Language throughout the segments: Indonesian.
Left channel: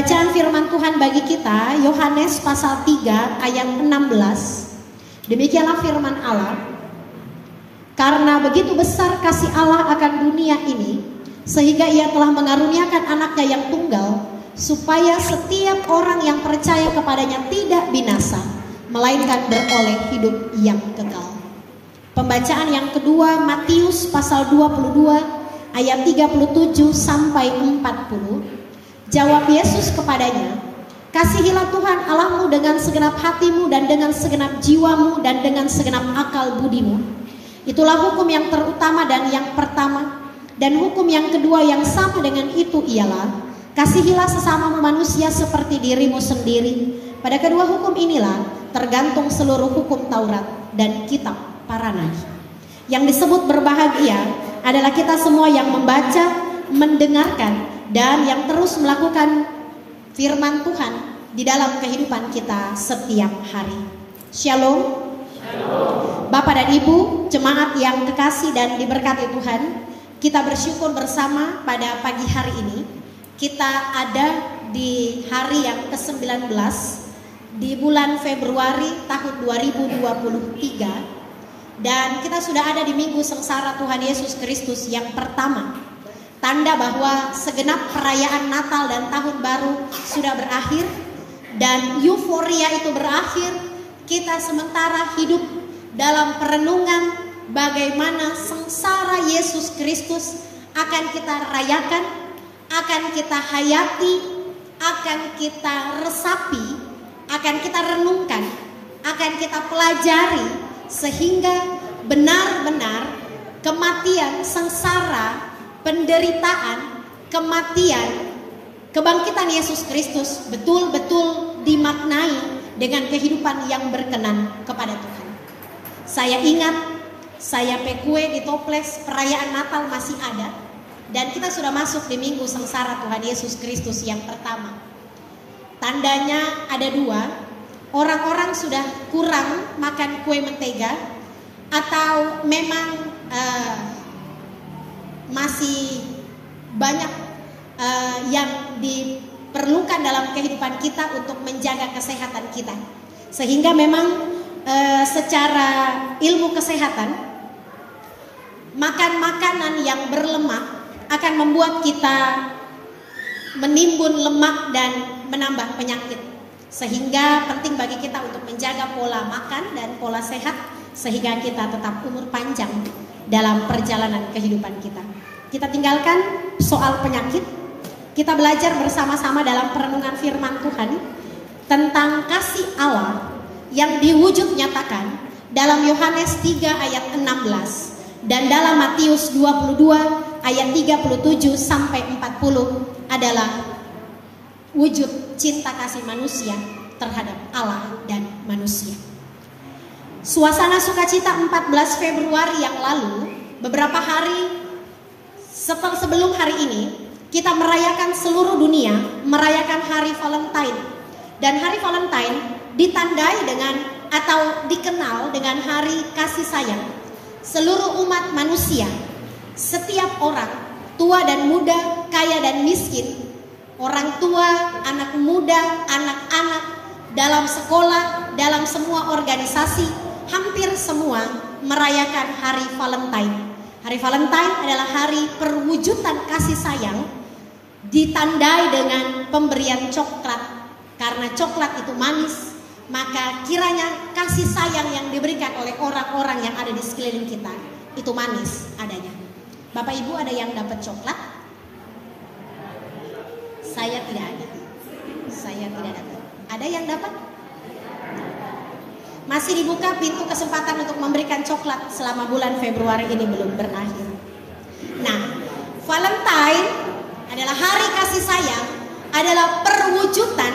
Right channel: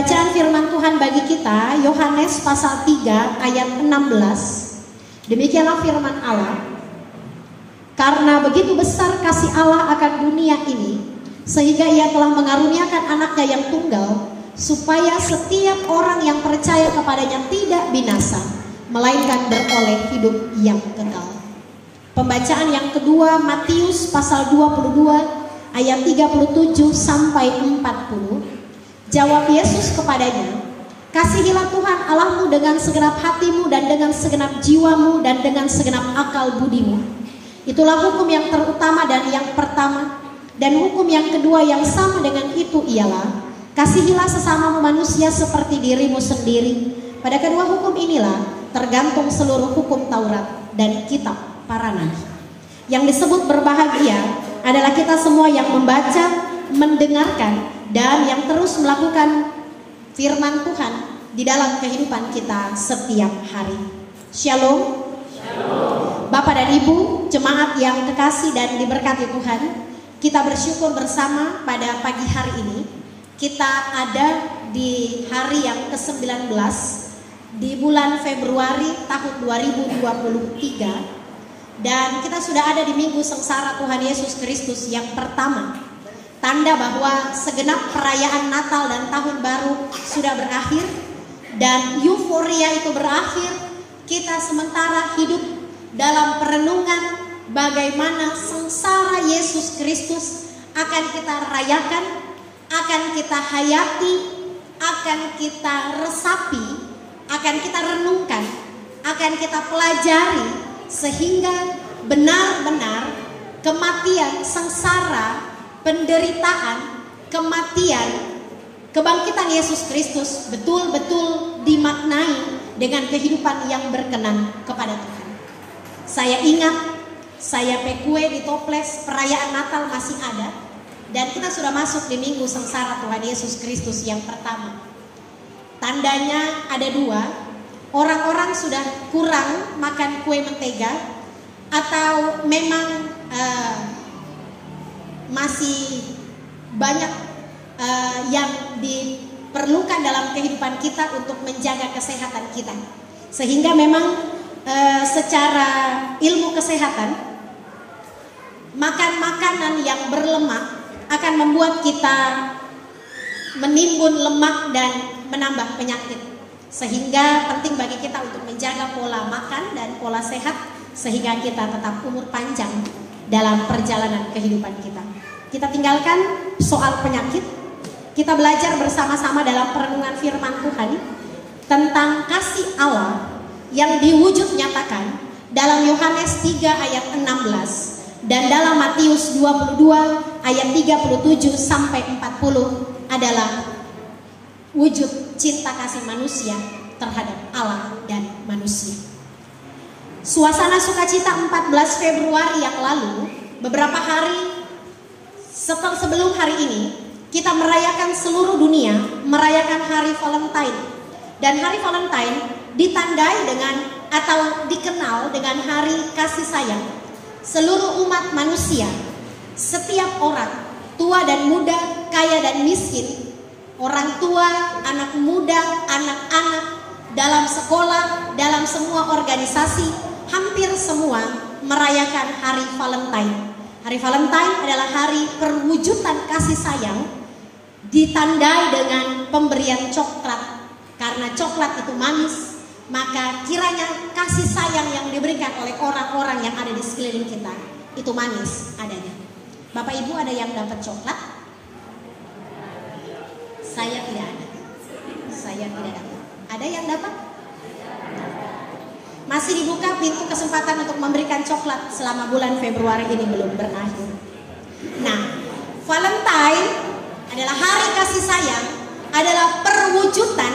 Pembacaan firman Tuhan bagi kita Yohanes pasal 3 ayat 16. Demikianlah firman Allah. Karena begitu besar kasih Allah akan dunia ini, sehingga ia telah mengaruniakan anaknya yang tunggal, supaya setiap orang yang percaya kepadanya tidak binasa, melainkan beroleh hidup yang kekal. Pembacaan yang kedua Matius pasal 22 ayat 37 sampai 40. Jawab Yesus kepadanya, kasihilah Tuhan Allahmu dengan segenap hatimu dan dengan segenap jiwamu dan dengan segenap akal budimu. Itulah hukum yang terutama dan yang pertama. Dan hukum yang kedua yang sama dengan itu ialah, kasihilah sesama manusia seperti dirimu sendiri. Pada kedua hukum inilah tergantung seluruh hukum Taurat dan kitab para nabi. Yang disebut berbahagia adalah kita semua yang membaca, mendengarkan, dan yang terus melakukan firman Tuhan di dalam kehidupan kita setiap hari. Shalom. Shalom. Bapak dan Ibu, jemaat yang kekasih dan diberkati Tuhan, kita bersyukur bersama pada pagi hari ini. Kita ada di hari yang ke-19 di bulan Februari tahun 2023, dan kita sudah ada di minggu sengsara Tuhan Yesus Kristus yang pertama. Tanda bahwa segenap perayaan Natal dan Tahun Baru sudah berakhir, dan euforia itu berakhir. Kita sementara hidup dalam perenungan bagaimana sengsara Yesus Kristus akan kita rayakan, akan kita hayati, akan kita resapi, akan kita renungkan, akan kita pelajari, sehingga benar-benar kematian, sengsara, penderitaan, kematian, kebangkitan Yesus Kristus betul-betul dimaknai dengan kehidupan yang berkenan kepada Tuhan. Saya ingat, saya kue di toples, perayaan Natal masih ada, dan kita sudah masuk di minggu sengsara Tuhan Yesus Kristus yang pertama. Tandanya ada dua, orang-orang sudah kurang makan kue mentega, atau memang masih banyak yang diperlukan dalam kehidupan kita untuk menjaga kesehatan kita. Sehingga memang secara ilmu kesehatan, makan makanan yang berlemak akan membuat kita menimbun lemak dan menambah penyakit. Sehingga penting bagi kita untuk menjaga pola makan dan pola sehat, sehingga kita tetap umur panjang dalam perjalanan kehidupan kita. Kita tinggalkan soal penyakit. Kita belajar bersama-sama dalam perenungan firman Tuhan tentang kasih Allah yang diwujud nyatakan dalam Yohanes 3 ayat 16 dan dalam Matius 22 ayat 37 sampai 40 adalah wujud cinta kasih manusia terhadap Allah dan manusia. Suasana sukacita 14 Februari yang lalu, beberapa hari sebelum hari ini, kita merayakan seluruh dunia, merayakan hari Valentine. Dan hari Valentine ditandai dengan atau dikenal dengan hari kasih sayang. Seluruh umat manusia, setiap orang, tua dan muda, kaya dan miskin, orang tua, anak muda, anak-anak, dalam sekolah, dalam semua organisasi, hampir semua merayakan hari Valentine. Hari Valentine adalah hari perwujudan kasih sayang, ditandai dengan pemberian coklat. Karena coklat itu manis, maka kiranya kasih sayang yang diberikan oleh orang-orang yang ada di sekeliling kita itu manis adanya. Bapak Ibu, ada yang dapat coklat? Saya tidak ada. Saya tidak dapat. Ada yang dapat? Masih dibuka pintu kesempatan untuk memberikan coklat selama bulan Februari ini belum berakhir. Nah, Valentine adalah hari kasih sayang, adalah perwujudan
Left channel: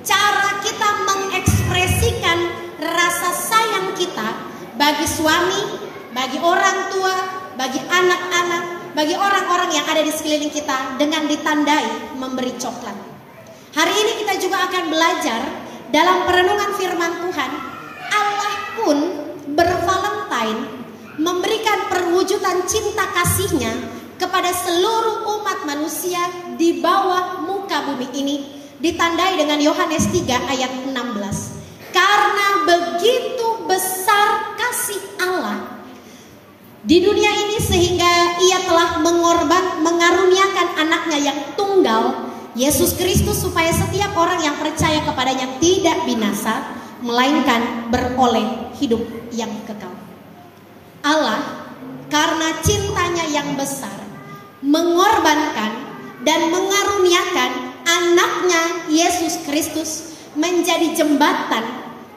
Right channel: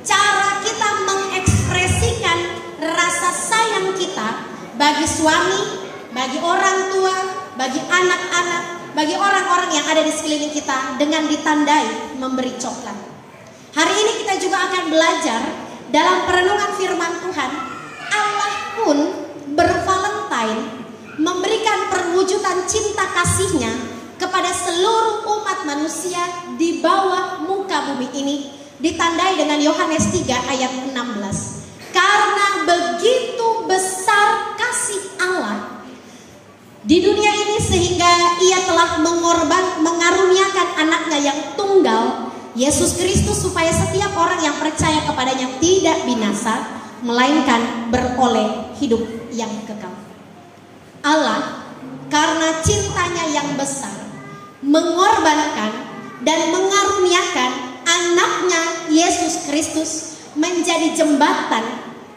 cara kita mengekspresikan rasa sayang kita bagi suami, bagi orang tua, bagi anak-anak, bagi orang-orang yang ada di sekeliling kita dengan ditandai memberi coklat. Hari ini kita juga akan belajar dalam perenungan firman Tuhan, Allah pun bervalentine, memberikan perwujudan cinta kasih-Nya kepada seluruh umat manusia di bawah muka bumi ini ditandai dengan Yohanes 3 ayat 16. Karena begitu besar kasih Allah di dunia ini sehingga Ia telah mengaruniakan anaknya yang tunggal, Yesus Kristus, supaya setiap orang yang percaya kepadanya tidak binasa, melainkan beroleh hidup yang kekal. Allah karena cintanya yang besar mengorbankan dan mengaruniakan anaknya Yesus Kristus menjadi jembatan,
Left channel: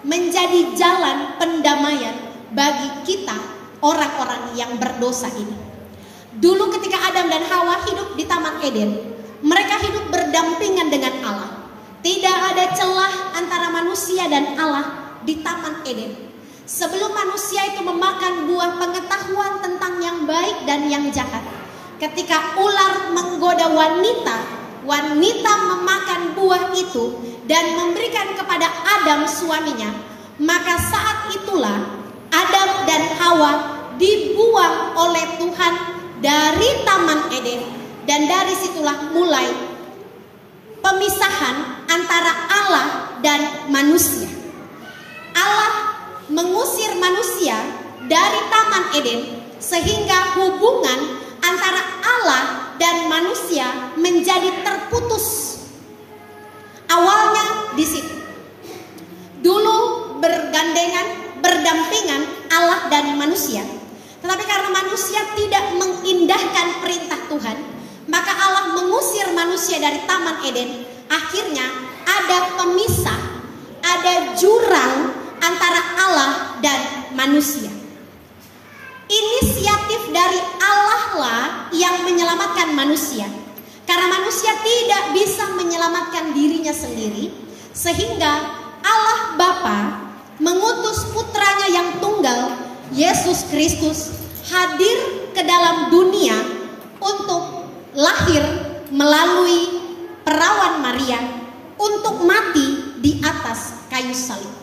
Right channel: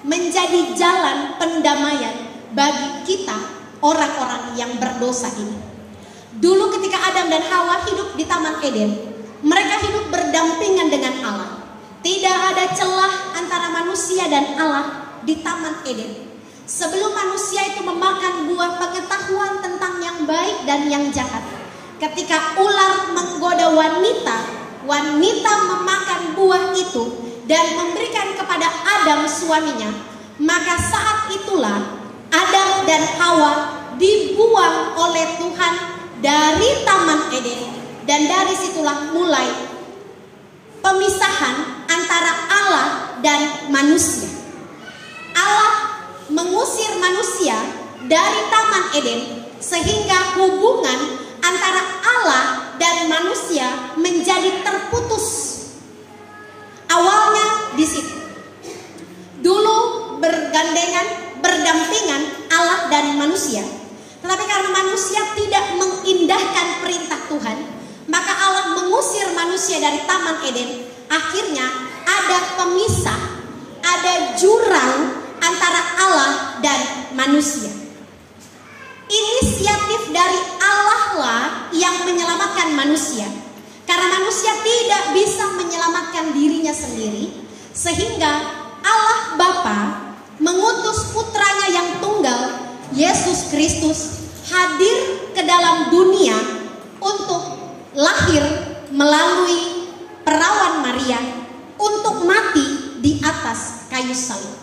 menjadi jalan pendamaian bagi kita orang-orang yang berdosa ini. Dulu ketika Adam dan Hawa hidup di Taman Eden, mereka hidup berdampingan dengan Allah. Tidak ada celah antara manusia dan Allah di Taman Eden. Sebelum manusia itu memakan buah pengetahuan tentang yang baik dan yang jahat, ketika ular menggoda wanita, wanita memakan buah itu dan memberikan kepada Adam suaminya, maka saat itulah Adam dan Hawa dibuang oleh Tuhan dari Taman Eden, dan dari situlah mulai pemisahan antara Allah dan manusia. Allah mengusir manusia dari Taman Eden sehingga hubungan antara Allah dan manusia menjadi terputus. Awalnya di situ. Dulu bergandengan, berdampingan Allah dan manusia. Tetapi karena manusia tidak mengindahkan perintah Tuhan, maka Allah mengusir manusia dari Taman Eden. Akhirnya ada pemisah, ada jurang antara Allah dan manusia. Inisiatif dari Allah lah yang menyelamatkan manusia, karena manusia tidak bisa menyelamatkan dirinya sendiri, sehingga Allah Bapa mengutus putranya yang tunggal, Yesus Kristus, hadir ke dalam dunia untuk lahir melalui perawan Maria, untuk mati di atas kayu salib.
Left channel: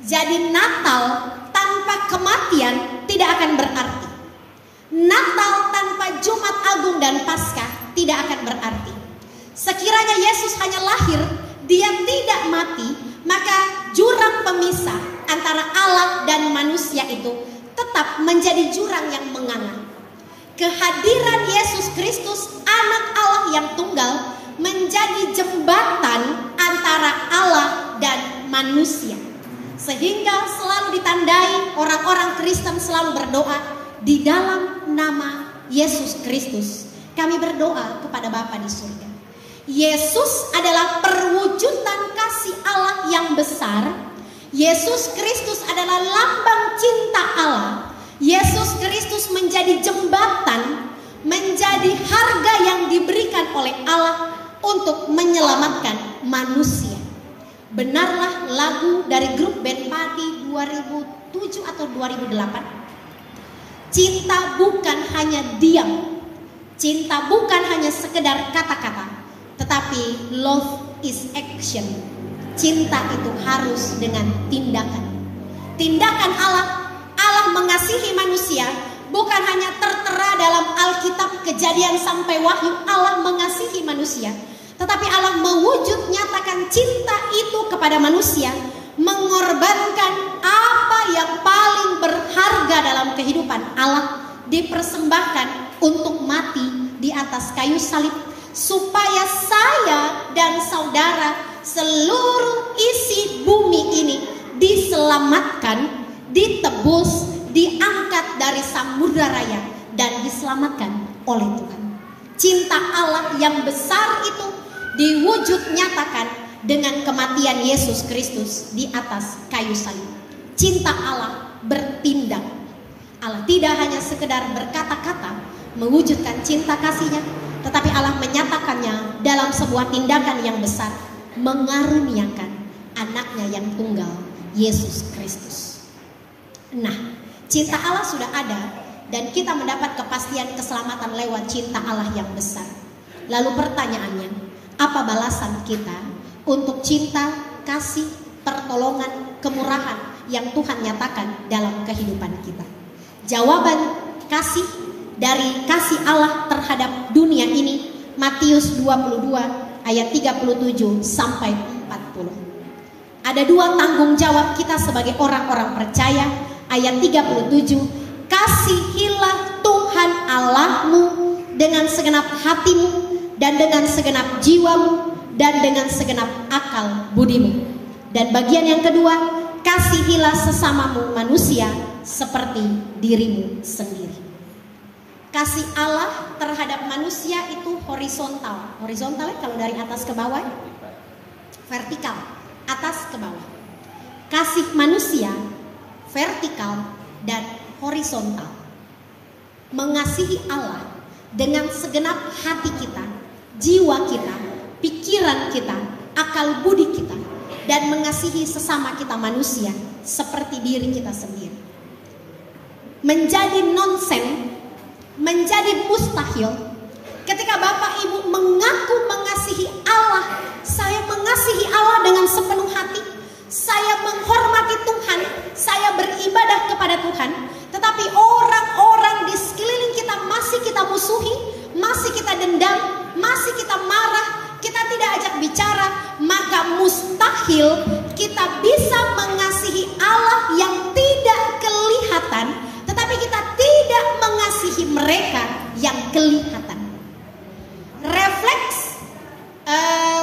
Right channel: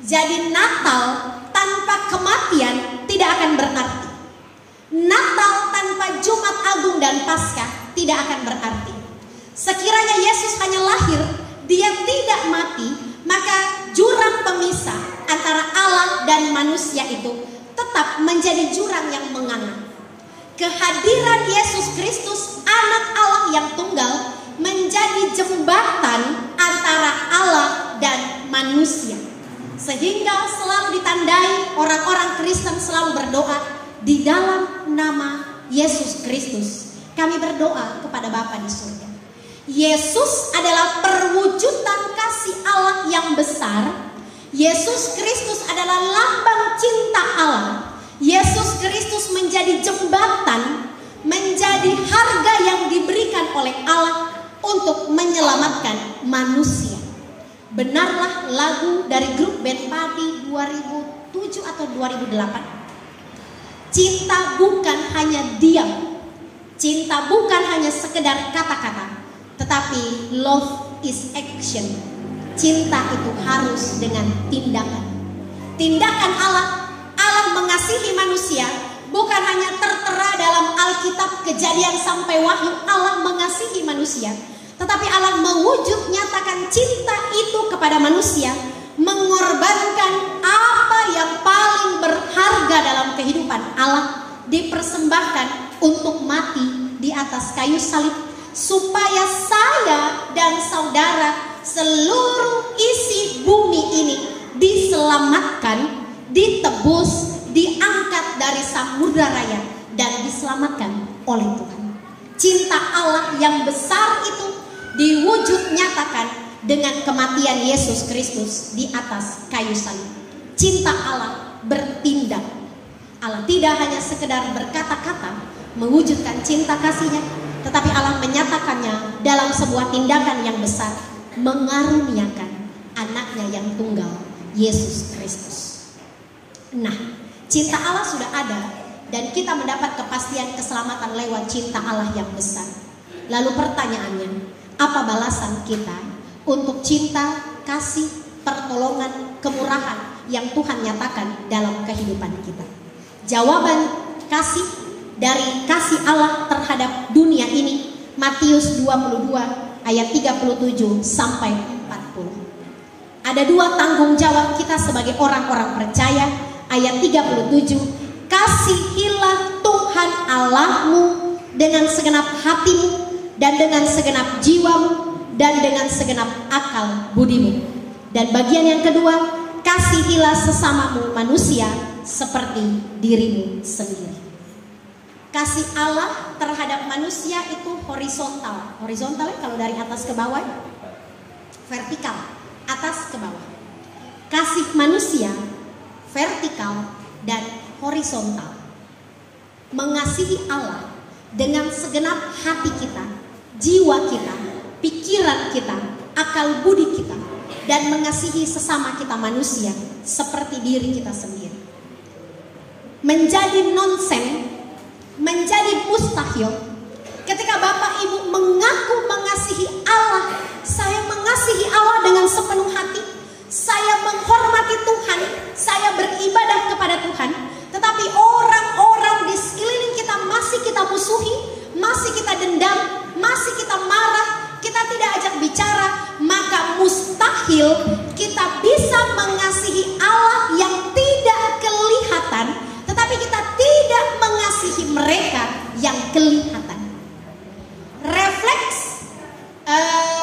Jadi Natal tanpa kematian tidak akan berarti. Natal tanpa Jumat Agung dan Paskah tidak akan berarti. Sekiranya Yesus hanya lahir, Dia tidak mati, maka jurang pemisah antara Allah dan manusia itu tetap menjadi jurang yang menganga. Kehadiran Yesus Kristus, anak Allah yang tunggal, menjadi jembatan antara Allah dan manusia. Sehingga selalu ditandai, orang-orang Kristen selalu berdoa di dalam nama Yesus Kristus. Kami berdoa kepada Bapa di surga. Yesus adalah perwujudan kasih Allah yang besar. Yesus Kristus adalah lambang cinta Allah. Yesus Kristus menjadi jembatan, menjadi harga yang diberikan oleh Allah untuk menyelamatkan manusia. Benarlah lagu dari grup band Pati 2007 atau 2008. Cinta bukan hanya diam, cinta bukan hanya sekedar kata-kata, tetapi love is action. Cinta itu harus dengan tindakan. Tindakan Allah mengasihi manusia bukan hanya tertera dalam Alkitab Kejadian sampai Wahyu. Allah mengasihi manusia, tetapi Allah mewujud nyatakan cinta itu kepada manusia, mengorbankan apa yang paling berharga dalam kehidupan Allah, dipersembahkan untuk mati di atas kayu salib, supaya saya dan saudara, seluruh isi bumi ini diselamatkan, ditebus, diangkat dari samudra raya dan diselamatkan oleh Tuhan. Cinta Allah yang besar itu diwujud nyatakan dengan kematian Yesus Kristus di atas kayu salib. Cinta Allah bertindak. Allah tidak hanya sekedar berkata-kata mewujudkan cinta kasih-Nya, tetapi Allah menyatakannya dalam sebuah tindakan yang besar, mengaruniakan anaknya yang tunggal, Yesus Kristus. Nah, cinta Allah sudah ada dan kita mendapat kepastian keselamatan lewat cinta Allah yang besar. Lalu pertanyaannya, apa balasan kita untuk cinta, kasih, pertolongan, kemurahan yang Tuhan nyatakan dalam kehidupan kita? Jawaban kasih dari kasih Allah terhadap dunia ini, Matius 22 ayat 37 sampai 40. Ada dua tanggung jawab kita sebagai orang-orang percaya. Ayat 37, kasihilah Tuhan Allahmu dengan segenap hatimu dan dengan segenap jiwamu dan dengan segenap akal budimu. Dan bagian yang kedua, kasihilah sesamamu manusia seperti dirimu sendiri. Kasih Allah terhadap manusia itu horizontal. Horizontal kalau dari atas ke bawah, vertikal, atas ke bawah. Kasih manusia vertikal dan horizontal. Mengasihi Allah dengan segenap hati kita, jiwa kita, pikiran kita, akal budi kita, dan mengasihi sesama kita manusia seperti diri kita sendiri. Menjadi nonsen, menjadi mustahil ketika Bapak Ibu mengaku mengasihi Allah. Saya mengasihi Allah dengan sepenuh hati, saya menghormati Tuhan, saya beribadah kepada Tuhan, tetapi orang-orang di sekeliling kita masih kita musuhi, masih kita dendam, masih kita marah, kita tidak ajak bicara, maka mustahil kita bisa mengasihi Allah yang tidak kelihatan, tetapi kita tidak mengasihi mereka yang kelihatan. Refleks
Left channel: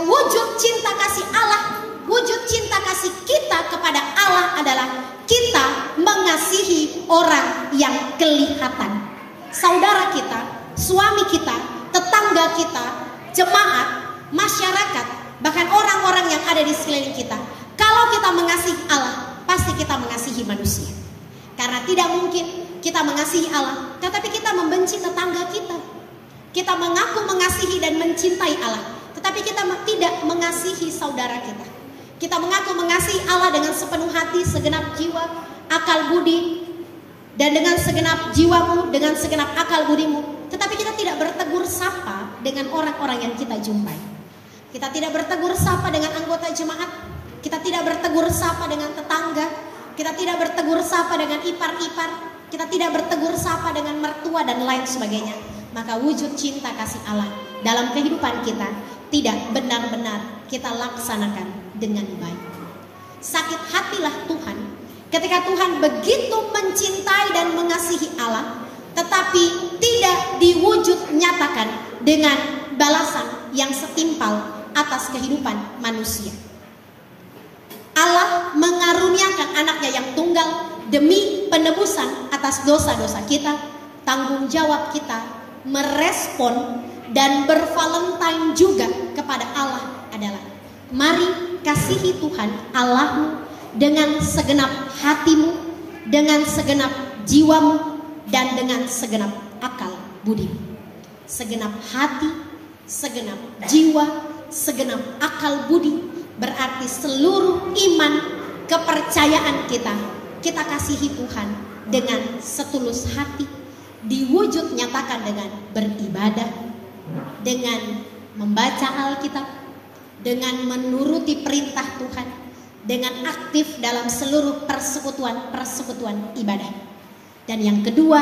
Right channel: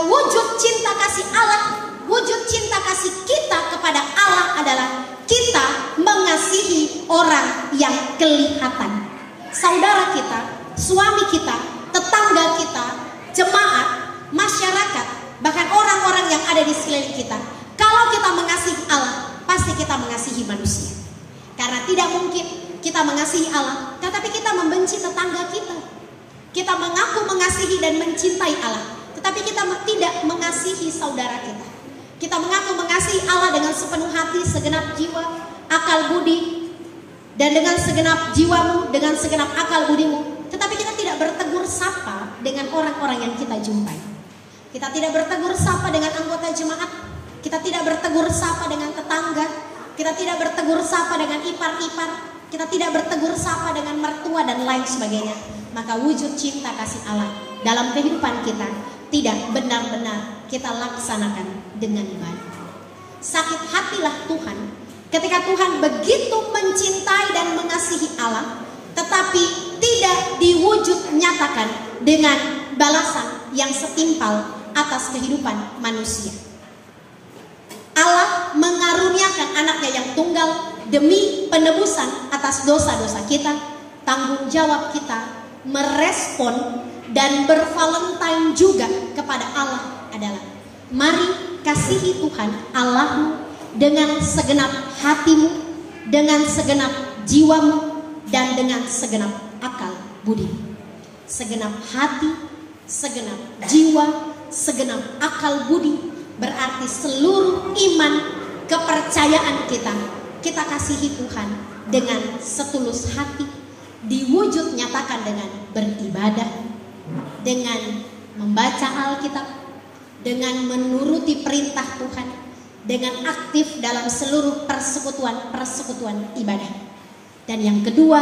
wujud cinta kasih Allah, wujud cinta kasih kita kepada Allah adalah kita mengasihi orang yang kelihatan. Saudara kita, suami kita, tetangga kita, jemaat, masyarakat, bahkan orang-orang yang ada di sekeliling kita. Kalau kita mengasihi Allah, pasti kita mengasihi manusia. Karena tidak mungkin kita mengasihi Allah tetapi kita membenci tetangga kita. Kita mengaku mengasihi dan mencintai Allah, tetapi kita tidak mengasihi saudara kita. Kita mengaku mengasihi Allah dengan sepenuh hati, segenap jiwa, akal budi, dan dengan segenap jiwamu, dengan segenap akal budimu, tetapi kita tidak bertegur sapa dengan orang-orang yang kita jumpai. Kita tidak bertegur sapa dengan anggota jemaat, kita tidak bertegur sapa dengan tetangga, kita tidak bertegur sapa dengan ipar-ipar, kita tidak bertegur sapa dengan mertua dan lain sebagainya. Maka wujud cinta kasih Allah dalam kehidupan kita tidak benar-benar kita laksanakan dengan baik. Sakit hatilah Tuhan ketika Tuhan begitu mencintai dan mengasihi Allah, tetapi tidak diwujud nyatakan dengan balasan yang setimpal atas kehidupan manusia. Allah mengaruniakan anaknya yang tunggal demi penebusan atas dosa-dosa kita. Tanggung jawab kita merespon dan bervalentine juga kepada Allah adalah, mari kasihi Tuhan Allahmu dengan segenap hatimu, dengan segenap jiwamu, dan dengan segenap akal budi. Segenap hati, segenap jiwa, segenap akal budi berarti seluruh iman, kepercayaan kita kasihi Tuhan dengan setulus hati, diwujud nyatakan dengan beribadah, dengan membaca Alkitab, dengan menuruti perintah Tuhan, dengan aktif dalam seluruh persekutuan ibadah. Dan yang kedua,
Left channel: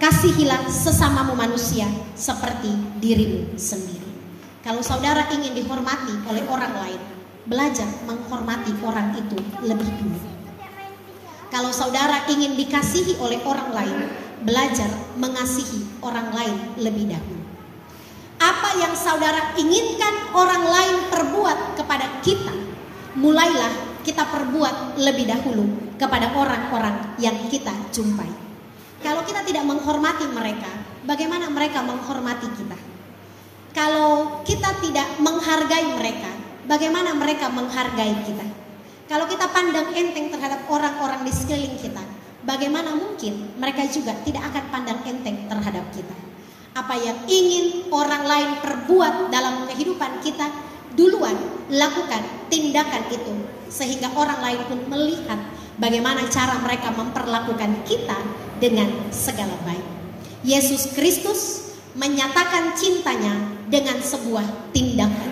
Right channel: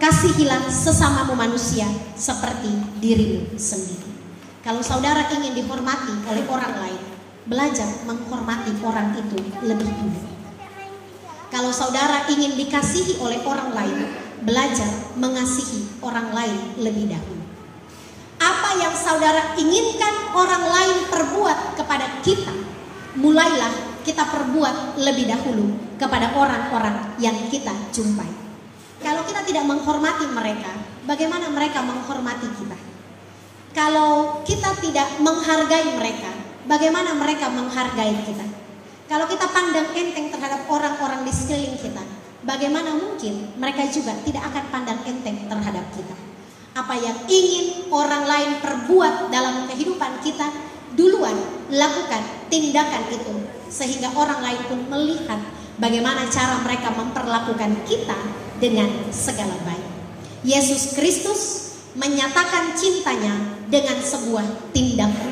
kasihilah sesamamu manusia seperti dirimu sendiri. Kalau saudara ingin dihormati oleh orang lain, belajar menghormati orang itu lebih dulu. Kalau saudara ingin dikasihi oleh orang lain, belajar mengasihi orang lain lebih dahulu. Apa yang saudara inginkan orang lain perbuat kepada kita, mulailah kita perbuat lebih dahulu kepada orang-orang yang kita jumpai. Kalau kita tidak menghormati mereka, bagaimana mereka menghormati kita? Kalau kita tidak menghargai mereka, bagaimana mereka menghargai kita? Kalau kita pandang enteng terhadap orang-orang di sekeliling kita, bagaimana mungkin mereka juga tidak akan pandang enteng terhadap kita? Apa yang ingin orang lain perbuat dalam kehidupan kita, duluan lakukan tindakan itu, sehingga orang lain pun melihat bagaimana cara mereka memperlakukan kita dengan segala baik. Yesus Kristus menyatakan cintanya dengan sebuah tindakan.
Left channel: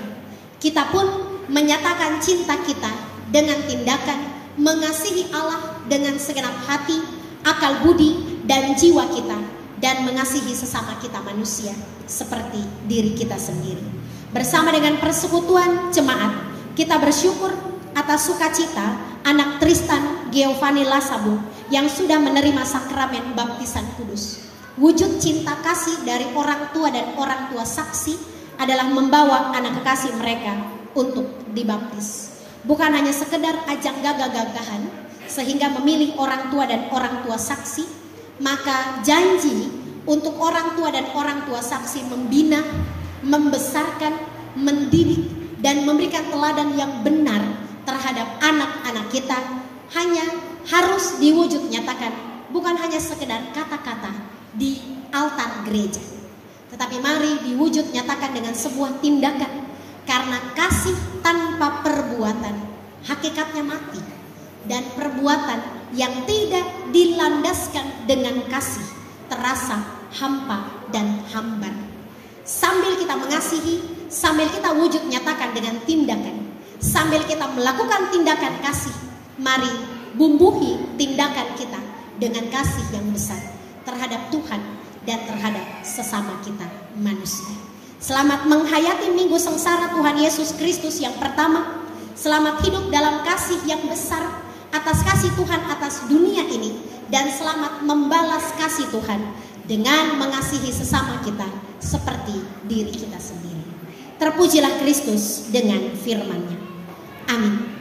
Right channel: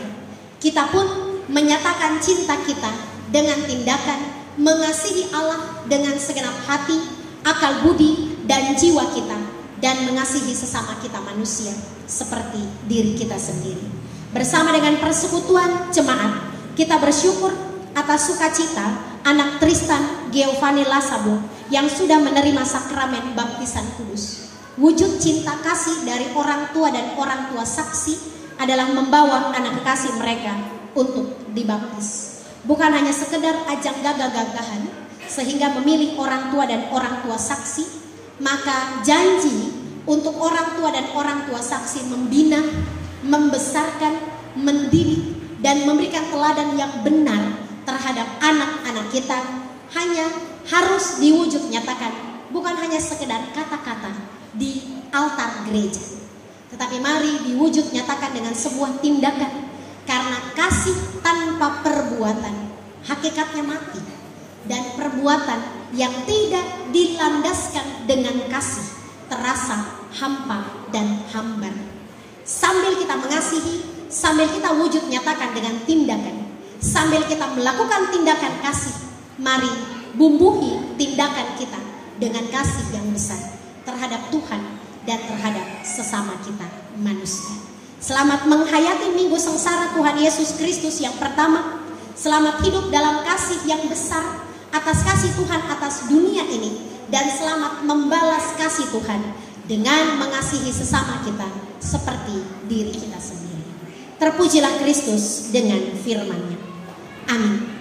Kita pun menyatakan cinta kita dengan tindakan mengasihi Allah dengan segenap hati, akal budi, dan jiwa kita, dan mengasihi sesama kita manusia seperti diri kita sendiri. bersama dengan persekutuan jemaat, kita bersyukur atas sukacita anak Tristan Giovanni Lasabo yang sudah menerima sakramen baptisan kudus. Wujud cinta kasih dari orang tua dan orang tua saksi adalah membawa anak kekasih mereka untuk dibaptis. Bukan hanya sekedar ajang gagah-gagahan sehingga memilih orang tua dan orang tua saksi, maka janji untuk orang tua dan orang tua saksi membina, membesarkan, mendidik, dan memberikan teladan yang benar terhadap anak-anak kita hanya harus diwujud nyatakan, bukan hanya sekedar kata-kata di altar gereja, tetapi mari diwujud nyatakan dengan sebuah tindakan, karena kasih tanpa perbuatan hakikatnya mati, dan perbuatan yang tidak dilandaskan dengan kasih terasa hampa dan hambar. Sambil kita mengasihi, sambil kita wujud nyatakan dengan tindakan, sambil kita melakukan tindakan kasih, mari bumbuhi tindakan kita dengan kasih yang besar terhadap Tuhan dan terhadap sesama kita manusia. Selamat menghayati minggu sengsara Tuhan Yesus Kristus yang pertama. Selamat hidup dalam kasih yang besar atas kasih Tuhan atas dunia ini, dan selamat membalas kasih Tuhan dengan mengasihi sesama kita seperti diri kita sendiri. Terpujilah Kristus dengan firman-Nya. Amin.